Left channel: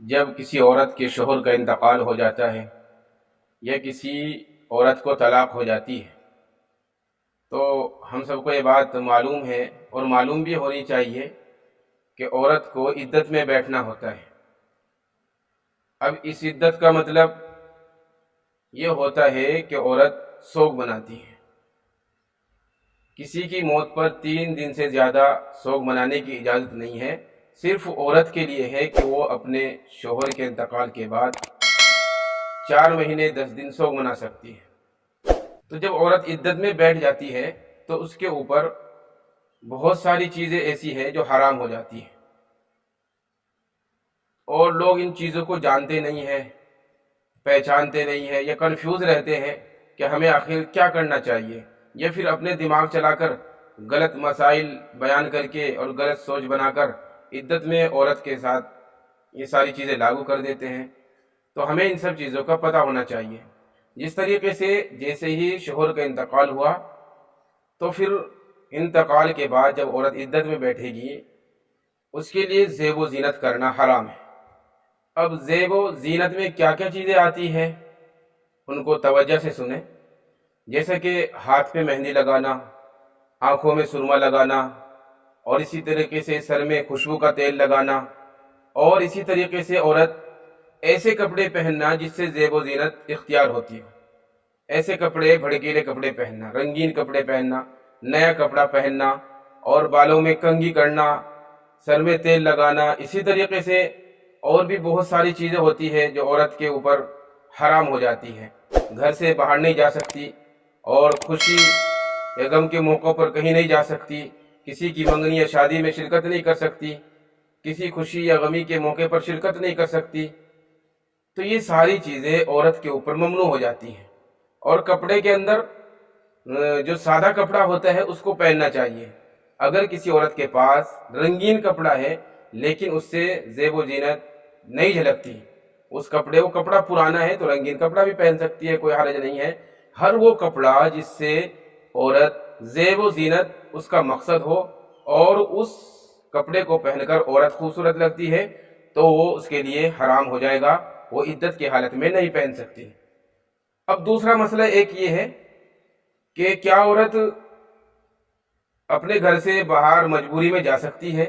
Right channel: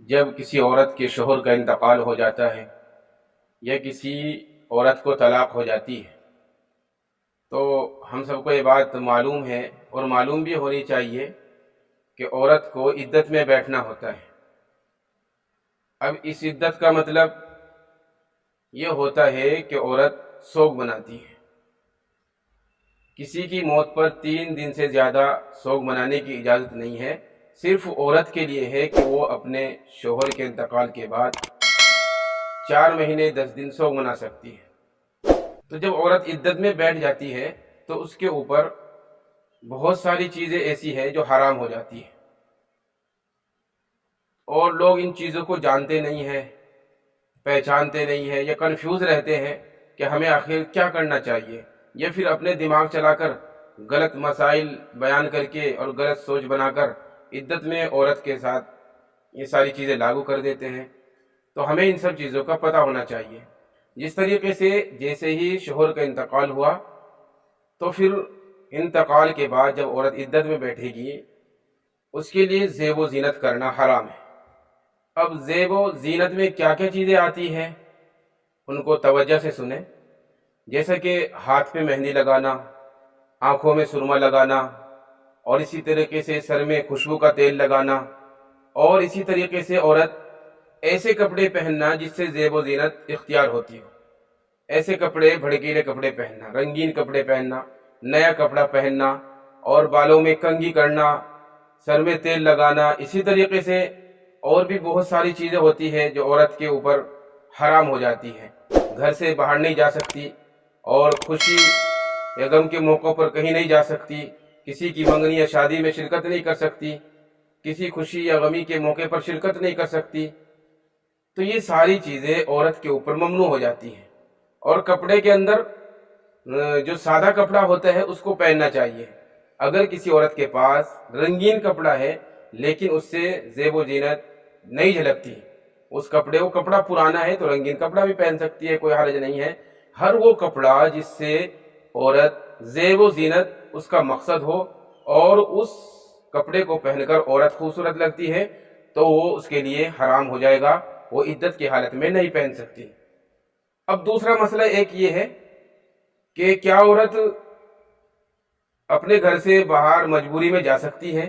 جب کسی عورت کے شوہر کا انتقال ہو جاتا ہے یا کسی عورت کو طلاق ہو جاتی ہے تو ہم سب کو یہ بات معلوم ہے اور معلوم بھی ہونی چاہیے کہ عورت کو عدت میں بیٹھنا ہوتا ہے۔ اب اس عدت کا مطلب یہ ہوتا ہے کہ عورت سوگ مناتی ہے۔ کسی کی موت پر 3 دن سے زیادہ سوگ منانے کی اجازت نہیں ہے، صرف عورت کے لیے ہے کہ وہ اپنے شوہر کے انتقال کے بعد 4 مہینے 10 دن سوگ منا سکتی ہے۔ تو جب عورت عدت میں بیٹھ جاتی ہے تو اس کے اوپر بہت ساری چیزیں ایسی ہیں جو حرام ہو جاتی ہیں، اور لوگ ان چیزوں کو جانتے نہیں ہیں، پہچانتے نہیں ہیں یا کنفیوز رہتے ہیں کہ ہمیں آخر کیا کرنا چاہیے، یا پھر اپنے دماغ چلا کر غلط مسائل بیان کر کے اور غلط سوچ بنا کر عدت میں عورت کے ساتھ یہ ساری چیزیں لاگو کر دیتے ہیں۔ تو ہمیں ان سب چیزوں کا پتہ ہونا چاہیے۔ جس طریقے سے جیسے ہی شوہر کا انتقال ہوا تو پھر انتقال کے بعد جب عورت عدت میں بیٹھے گی اس کے لیے زیب و زینت کرنا حرام ہے۔ اب زیب و زینت میں کیا کیا چیزیں آتی ہیں ان کو توجہ سے سنیں، جیسا کہ ہاتھ پہ مہندی لگانا، آنکھوں میں سرما لگانا، اور اسی طریقے سے سر میں خوشبو کا تیل لگانا، اور اسی طریقے سے عورت ایسے کپڑے پہننا جس سے زیب و زینت اختیار ہوتی ہو۔ ایسے کپڑے، بھڑکیلے کپڑے پہننا، رنگین کپڑے پہننا، نیا کپڑا پہننا، اور بالوں میں کنگھی کرنا، سر میں تیل لگانا، اسی طریقے سے اور بھی بہت ساری چیزیں ہوتی ہیں جو عورت کے اوپر حرام ہو جاتی ہیں۔ گھر سے باہر نہیں جا سکتی، اور خوشی یا غم کے موقع پر کہیں نہیں جا سکتی، کسی کی منگنی یا شادی میں شرکت نہیں کر سکتی، کسی خوشی یا غمی کے موقع پر شرکت نہیں کر سکتی۔ تو یہ ساری چیزیں عورت کے اوپر ممنوع ہو جاتی ہیں، اور کپڑے کے اندر جو سادہ کپڑا ہوتا ہے اس کو پہننا چاہیے۔ اگر کسی عورت کے پاس رنگین کپڑا ہے لیکن اس سے زیب و زینت نہیں جھلکتی، اس کپڑے وہ کپڑا پرانا ہے تو رنگین کپڑا بھی پہن سکتی ہے، کوئی حرج نہیں ہے۔ ہر وہ کپڑا جس سے عورت زیب و زینت اس کا مقصد ہو اور اس کپڑے کو پہن کر عورت خوبصورت لگتی ہے تو وہ اس کے لیے حرام ہو جائے گا، وہ عدت کی حالت میں نہیں پہن سکتی۔ اب دوسرا مسئلہ ایک یہ ہے کہ کیا عورت اپنے گھر سے باہر مجبوری میں جا سکتی ہے؟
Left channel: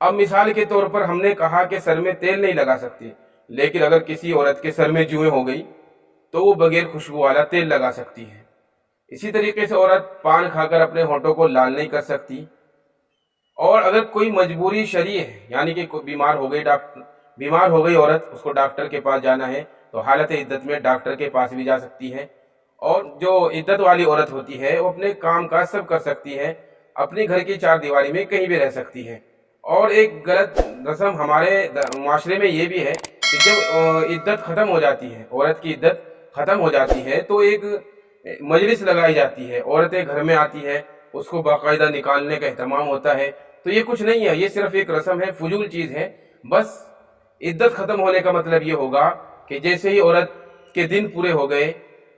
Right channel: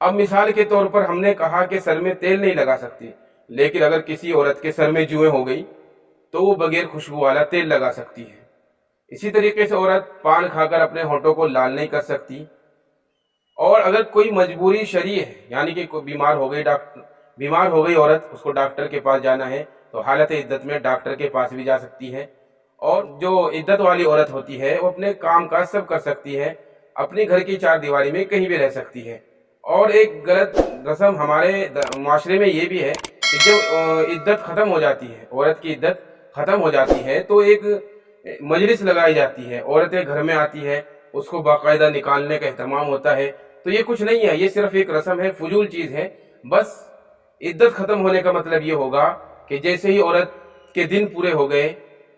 اب مثال کے طور پر ہم نے کہا کہ سر میں تیل نہیں لگا سکتی، لیکن اگر کسی عورت کے سر میں جوئیں ہو گئی تو وہ بغیر خوشبو والا تیل لگا سکتی ہے۔ اسی طریقے سے عورت پان کھا کر اپنے ہونٹوں کو لال نہیں کر سکتی، اور اگر کوئی مجبوری شرعی ہے، یعنی کہ کوئی بیمار ہو گئی عورت، اس کو ڈاکٹر کے پاس جانا ہے تو حالت عدت میں ڈاکٹر کے پاس بھی جا سکتی ہے۔ اور جو عدت والی عورت ہوتی ہے وہ اپنے کام کاج سب کر سکتی ہے، اپنے گھر کی 4 دیواری میں کہیں بھی رہ سکتی ہے۔ اور ایک غلط رسم ہمارے معاشرے میں یہ بھی ہے کہ جب عدت ختم ہو جاتی ہے، عورت کی عدت ختم ہو جاتی ہے تو ایک مجلس لگائی جاتی ہے، عورتیں گھر میں آتی ہے، اس کو باقاعدہ نکالنے کا اہتمام ہوتا ہے۔ تو یہ کچھ نہیں ہے، یہ صرف ایک رسم ہے، فضول چیز ہے۔ بس عدت ختم ہونے کا مطلب یہ ہوگا کہ جیسے ہی عورت کے دن پورے ہو گئے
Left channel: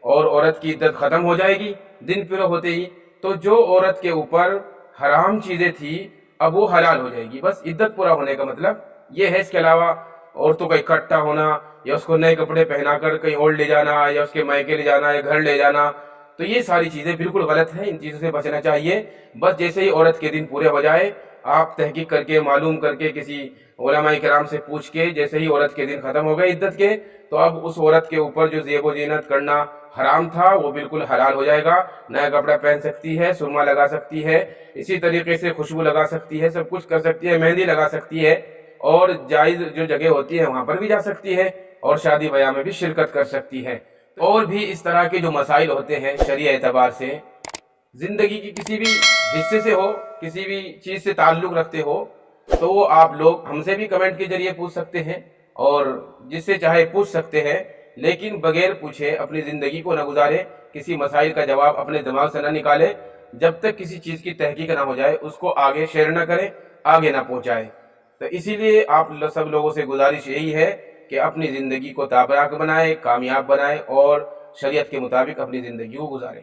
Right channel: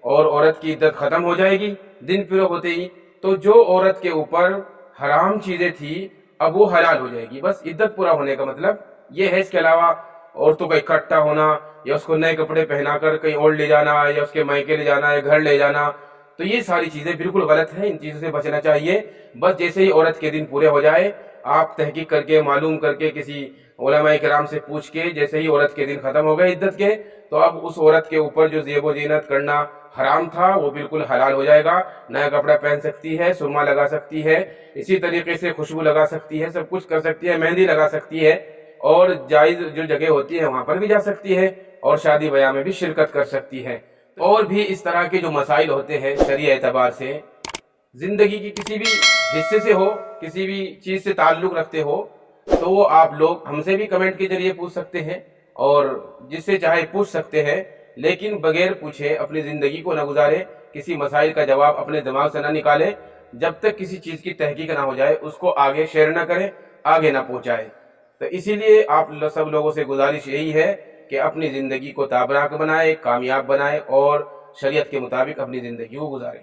اور عورت کی عدت ختم ہو جائے گی، دن پورے ہوتے ہی تو جو عورت کے اوپر حرام چیزیں تھی اب وہ حلال ہو جائے گی۔ بس عدت پورا ہونے کا مطلب یہ ہے۔ اس کے علاوہ عورتوں کا اکٹھا ہونا یا اس کو نئے کپڑے پہنا کر کہیں اور لے جانا یا اس کے مائکے لے جانا یا گھر لے جانا، تو یہ ساری چیزیں بالکل غلط ہیں، ان چیزوں سے بچنا چاہیے۔ بس جیسے ہی عورت کے دن پورے ہو جائے، آپ تحقیق کر کے معلوم کر کے کسی علماء کرام سے پوچھ کے، جیسے ہی عورت کے دن ختم ہو گئے عدت کے، تو اب اس عورت کے اوپر جو زیب و زینت کرنا حرام تھا وہ بالکل حلال ہو جائے گا۔ نیا کپڑا پہن سکتی ہے، سرما لگا سکتی ہے، اسی طریقے سے خوشبو لگا سکتی ہے، سب کچھ کر سکتی ہے، مہندی لگا سکتی ہے، اور جائز جو جگہ ہوتی ہے وہاں پر بھی جا سکتی ہے، اور شادی بیاہ میں بھی شرکت کر سکتی ہے۔ اور بھی اس طرح کے جو مسائل ہوتے ہیں شرعی اعتبار سے، زندگی کی کسی بھی حصے سے ہو، کسی بھی چیز سے تعلق رکھتے ہو، تو وہ آپ لوگ ہم سے بھی کمنٹ کے ذریعے پوچھ سکتے ہیں، اور جس سے چاہے پوچھ سکتے ہیں، لیکن بغیر پوچھے اپنی زندگی کو نہ گزارے، کسی مسائل کا جواب اپنے دماغ سے نہ نکالے، جب تک کسی چیز کی تحقیق نہ ہو جائے اس کو آگے شیئر نہ کرے، آگے نہ پہنچائے۔ تو اسی لیے آپ سب لوگوں سے گزارش یہی ہے کہ اپنی زندگی کو تابناک بنائے، کامیاب بنائے، اور شریعت کے مطابق اپنی زندگی کو گزارے۔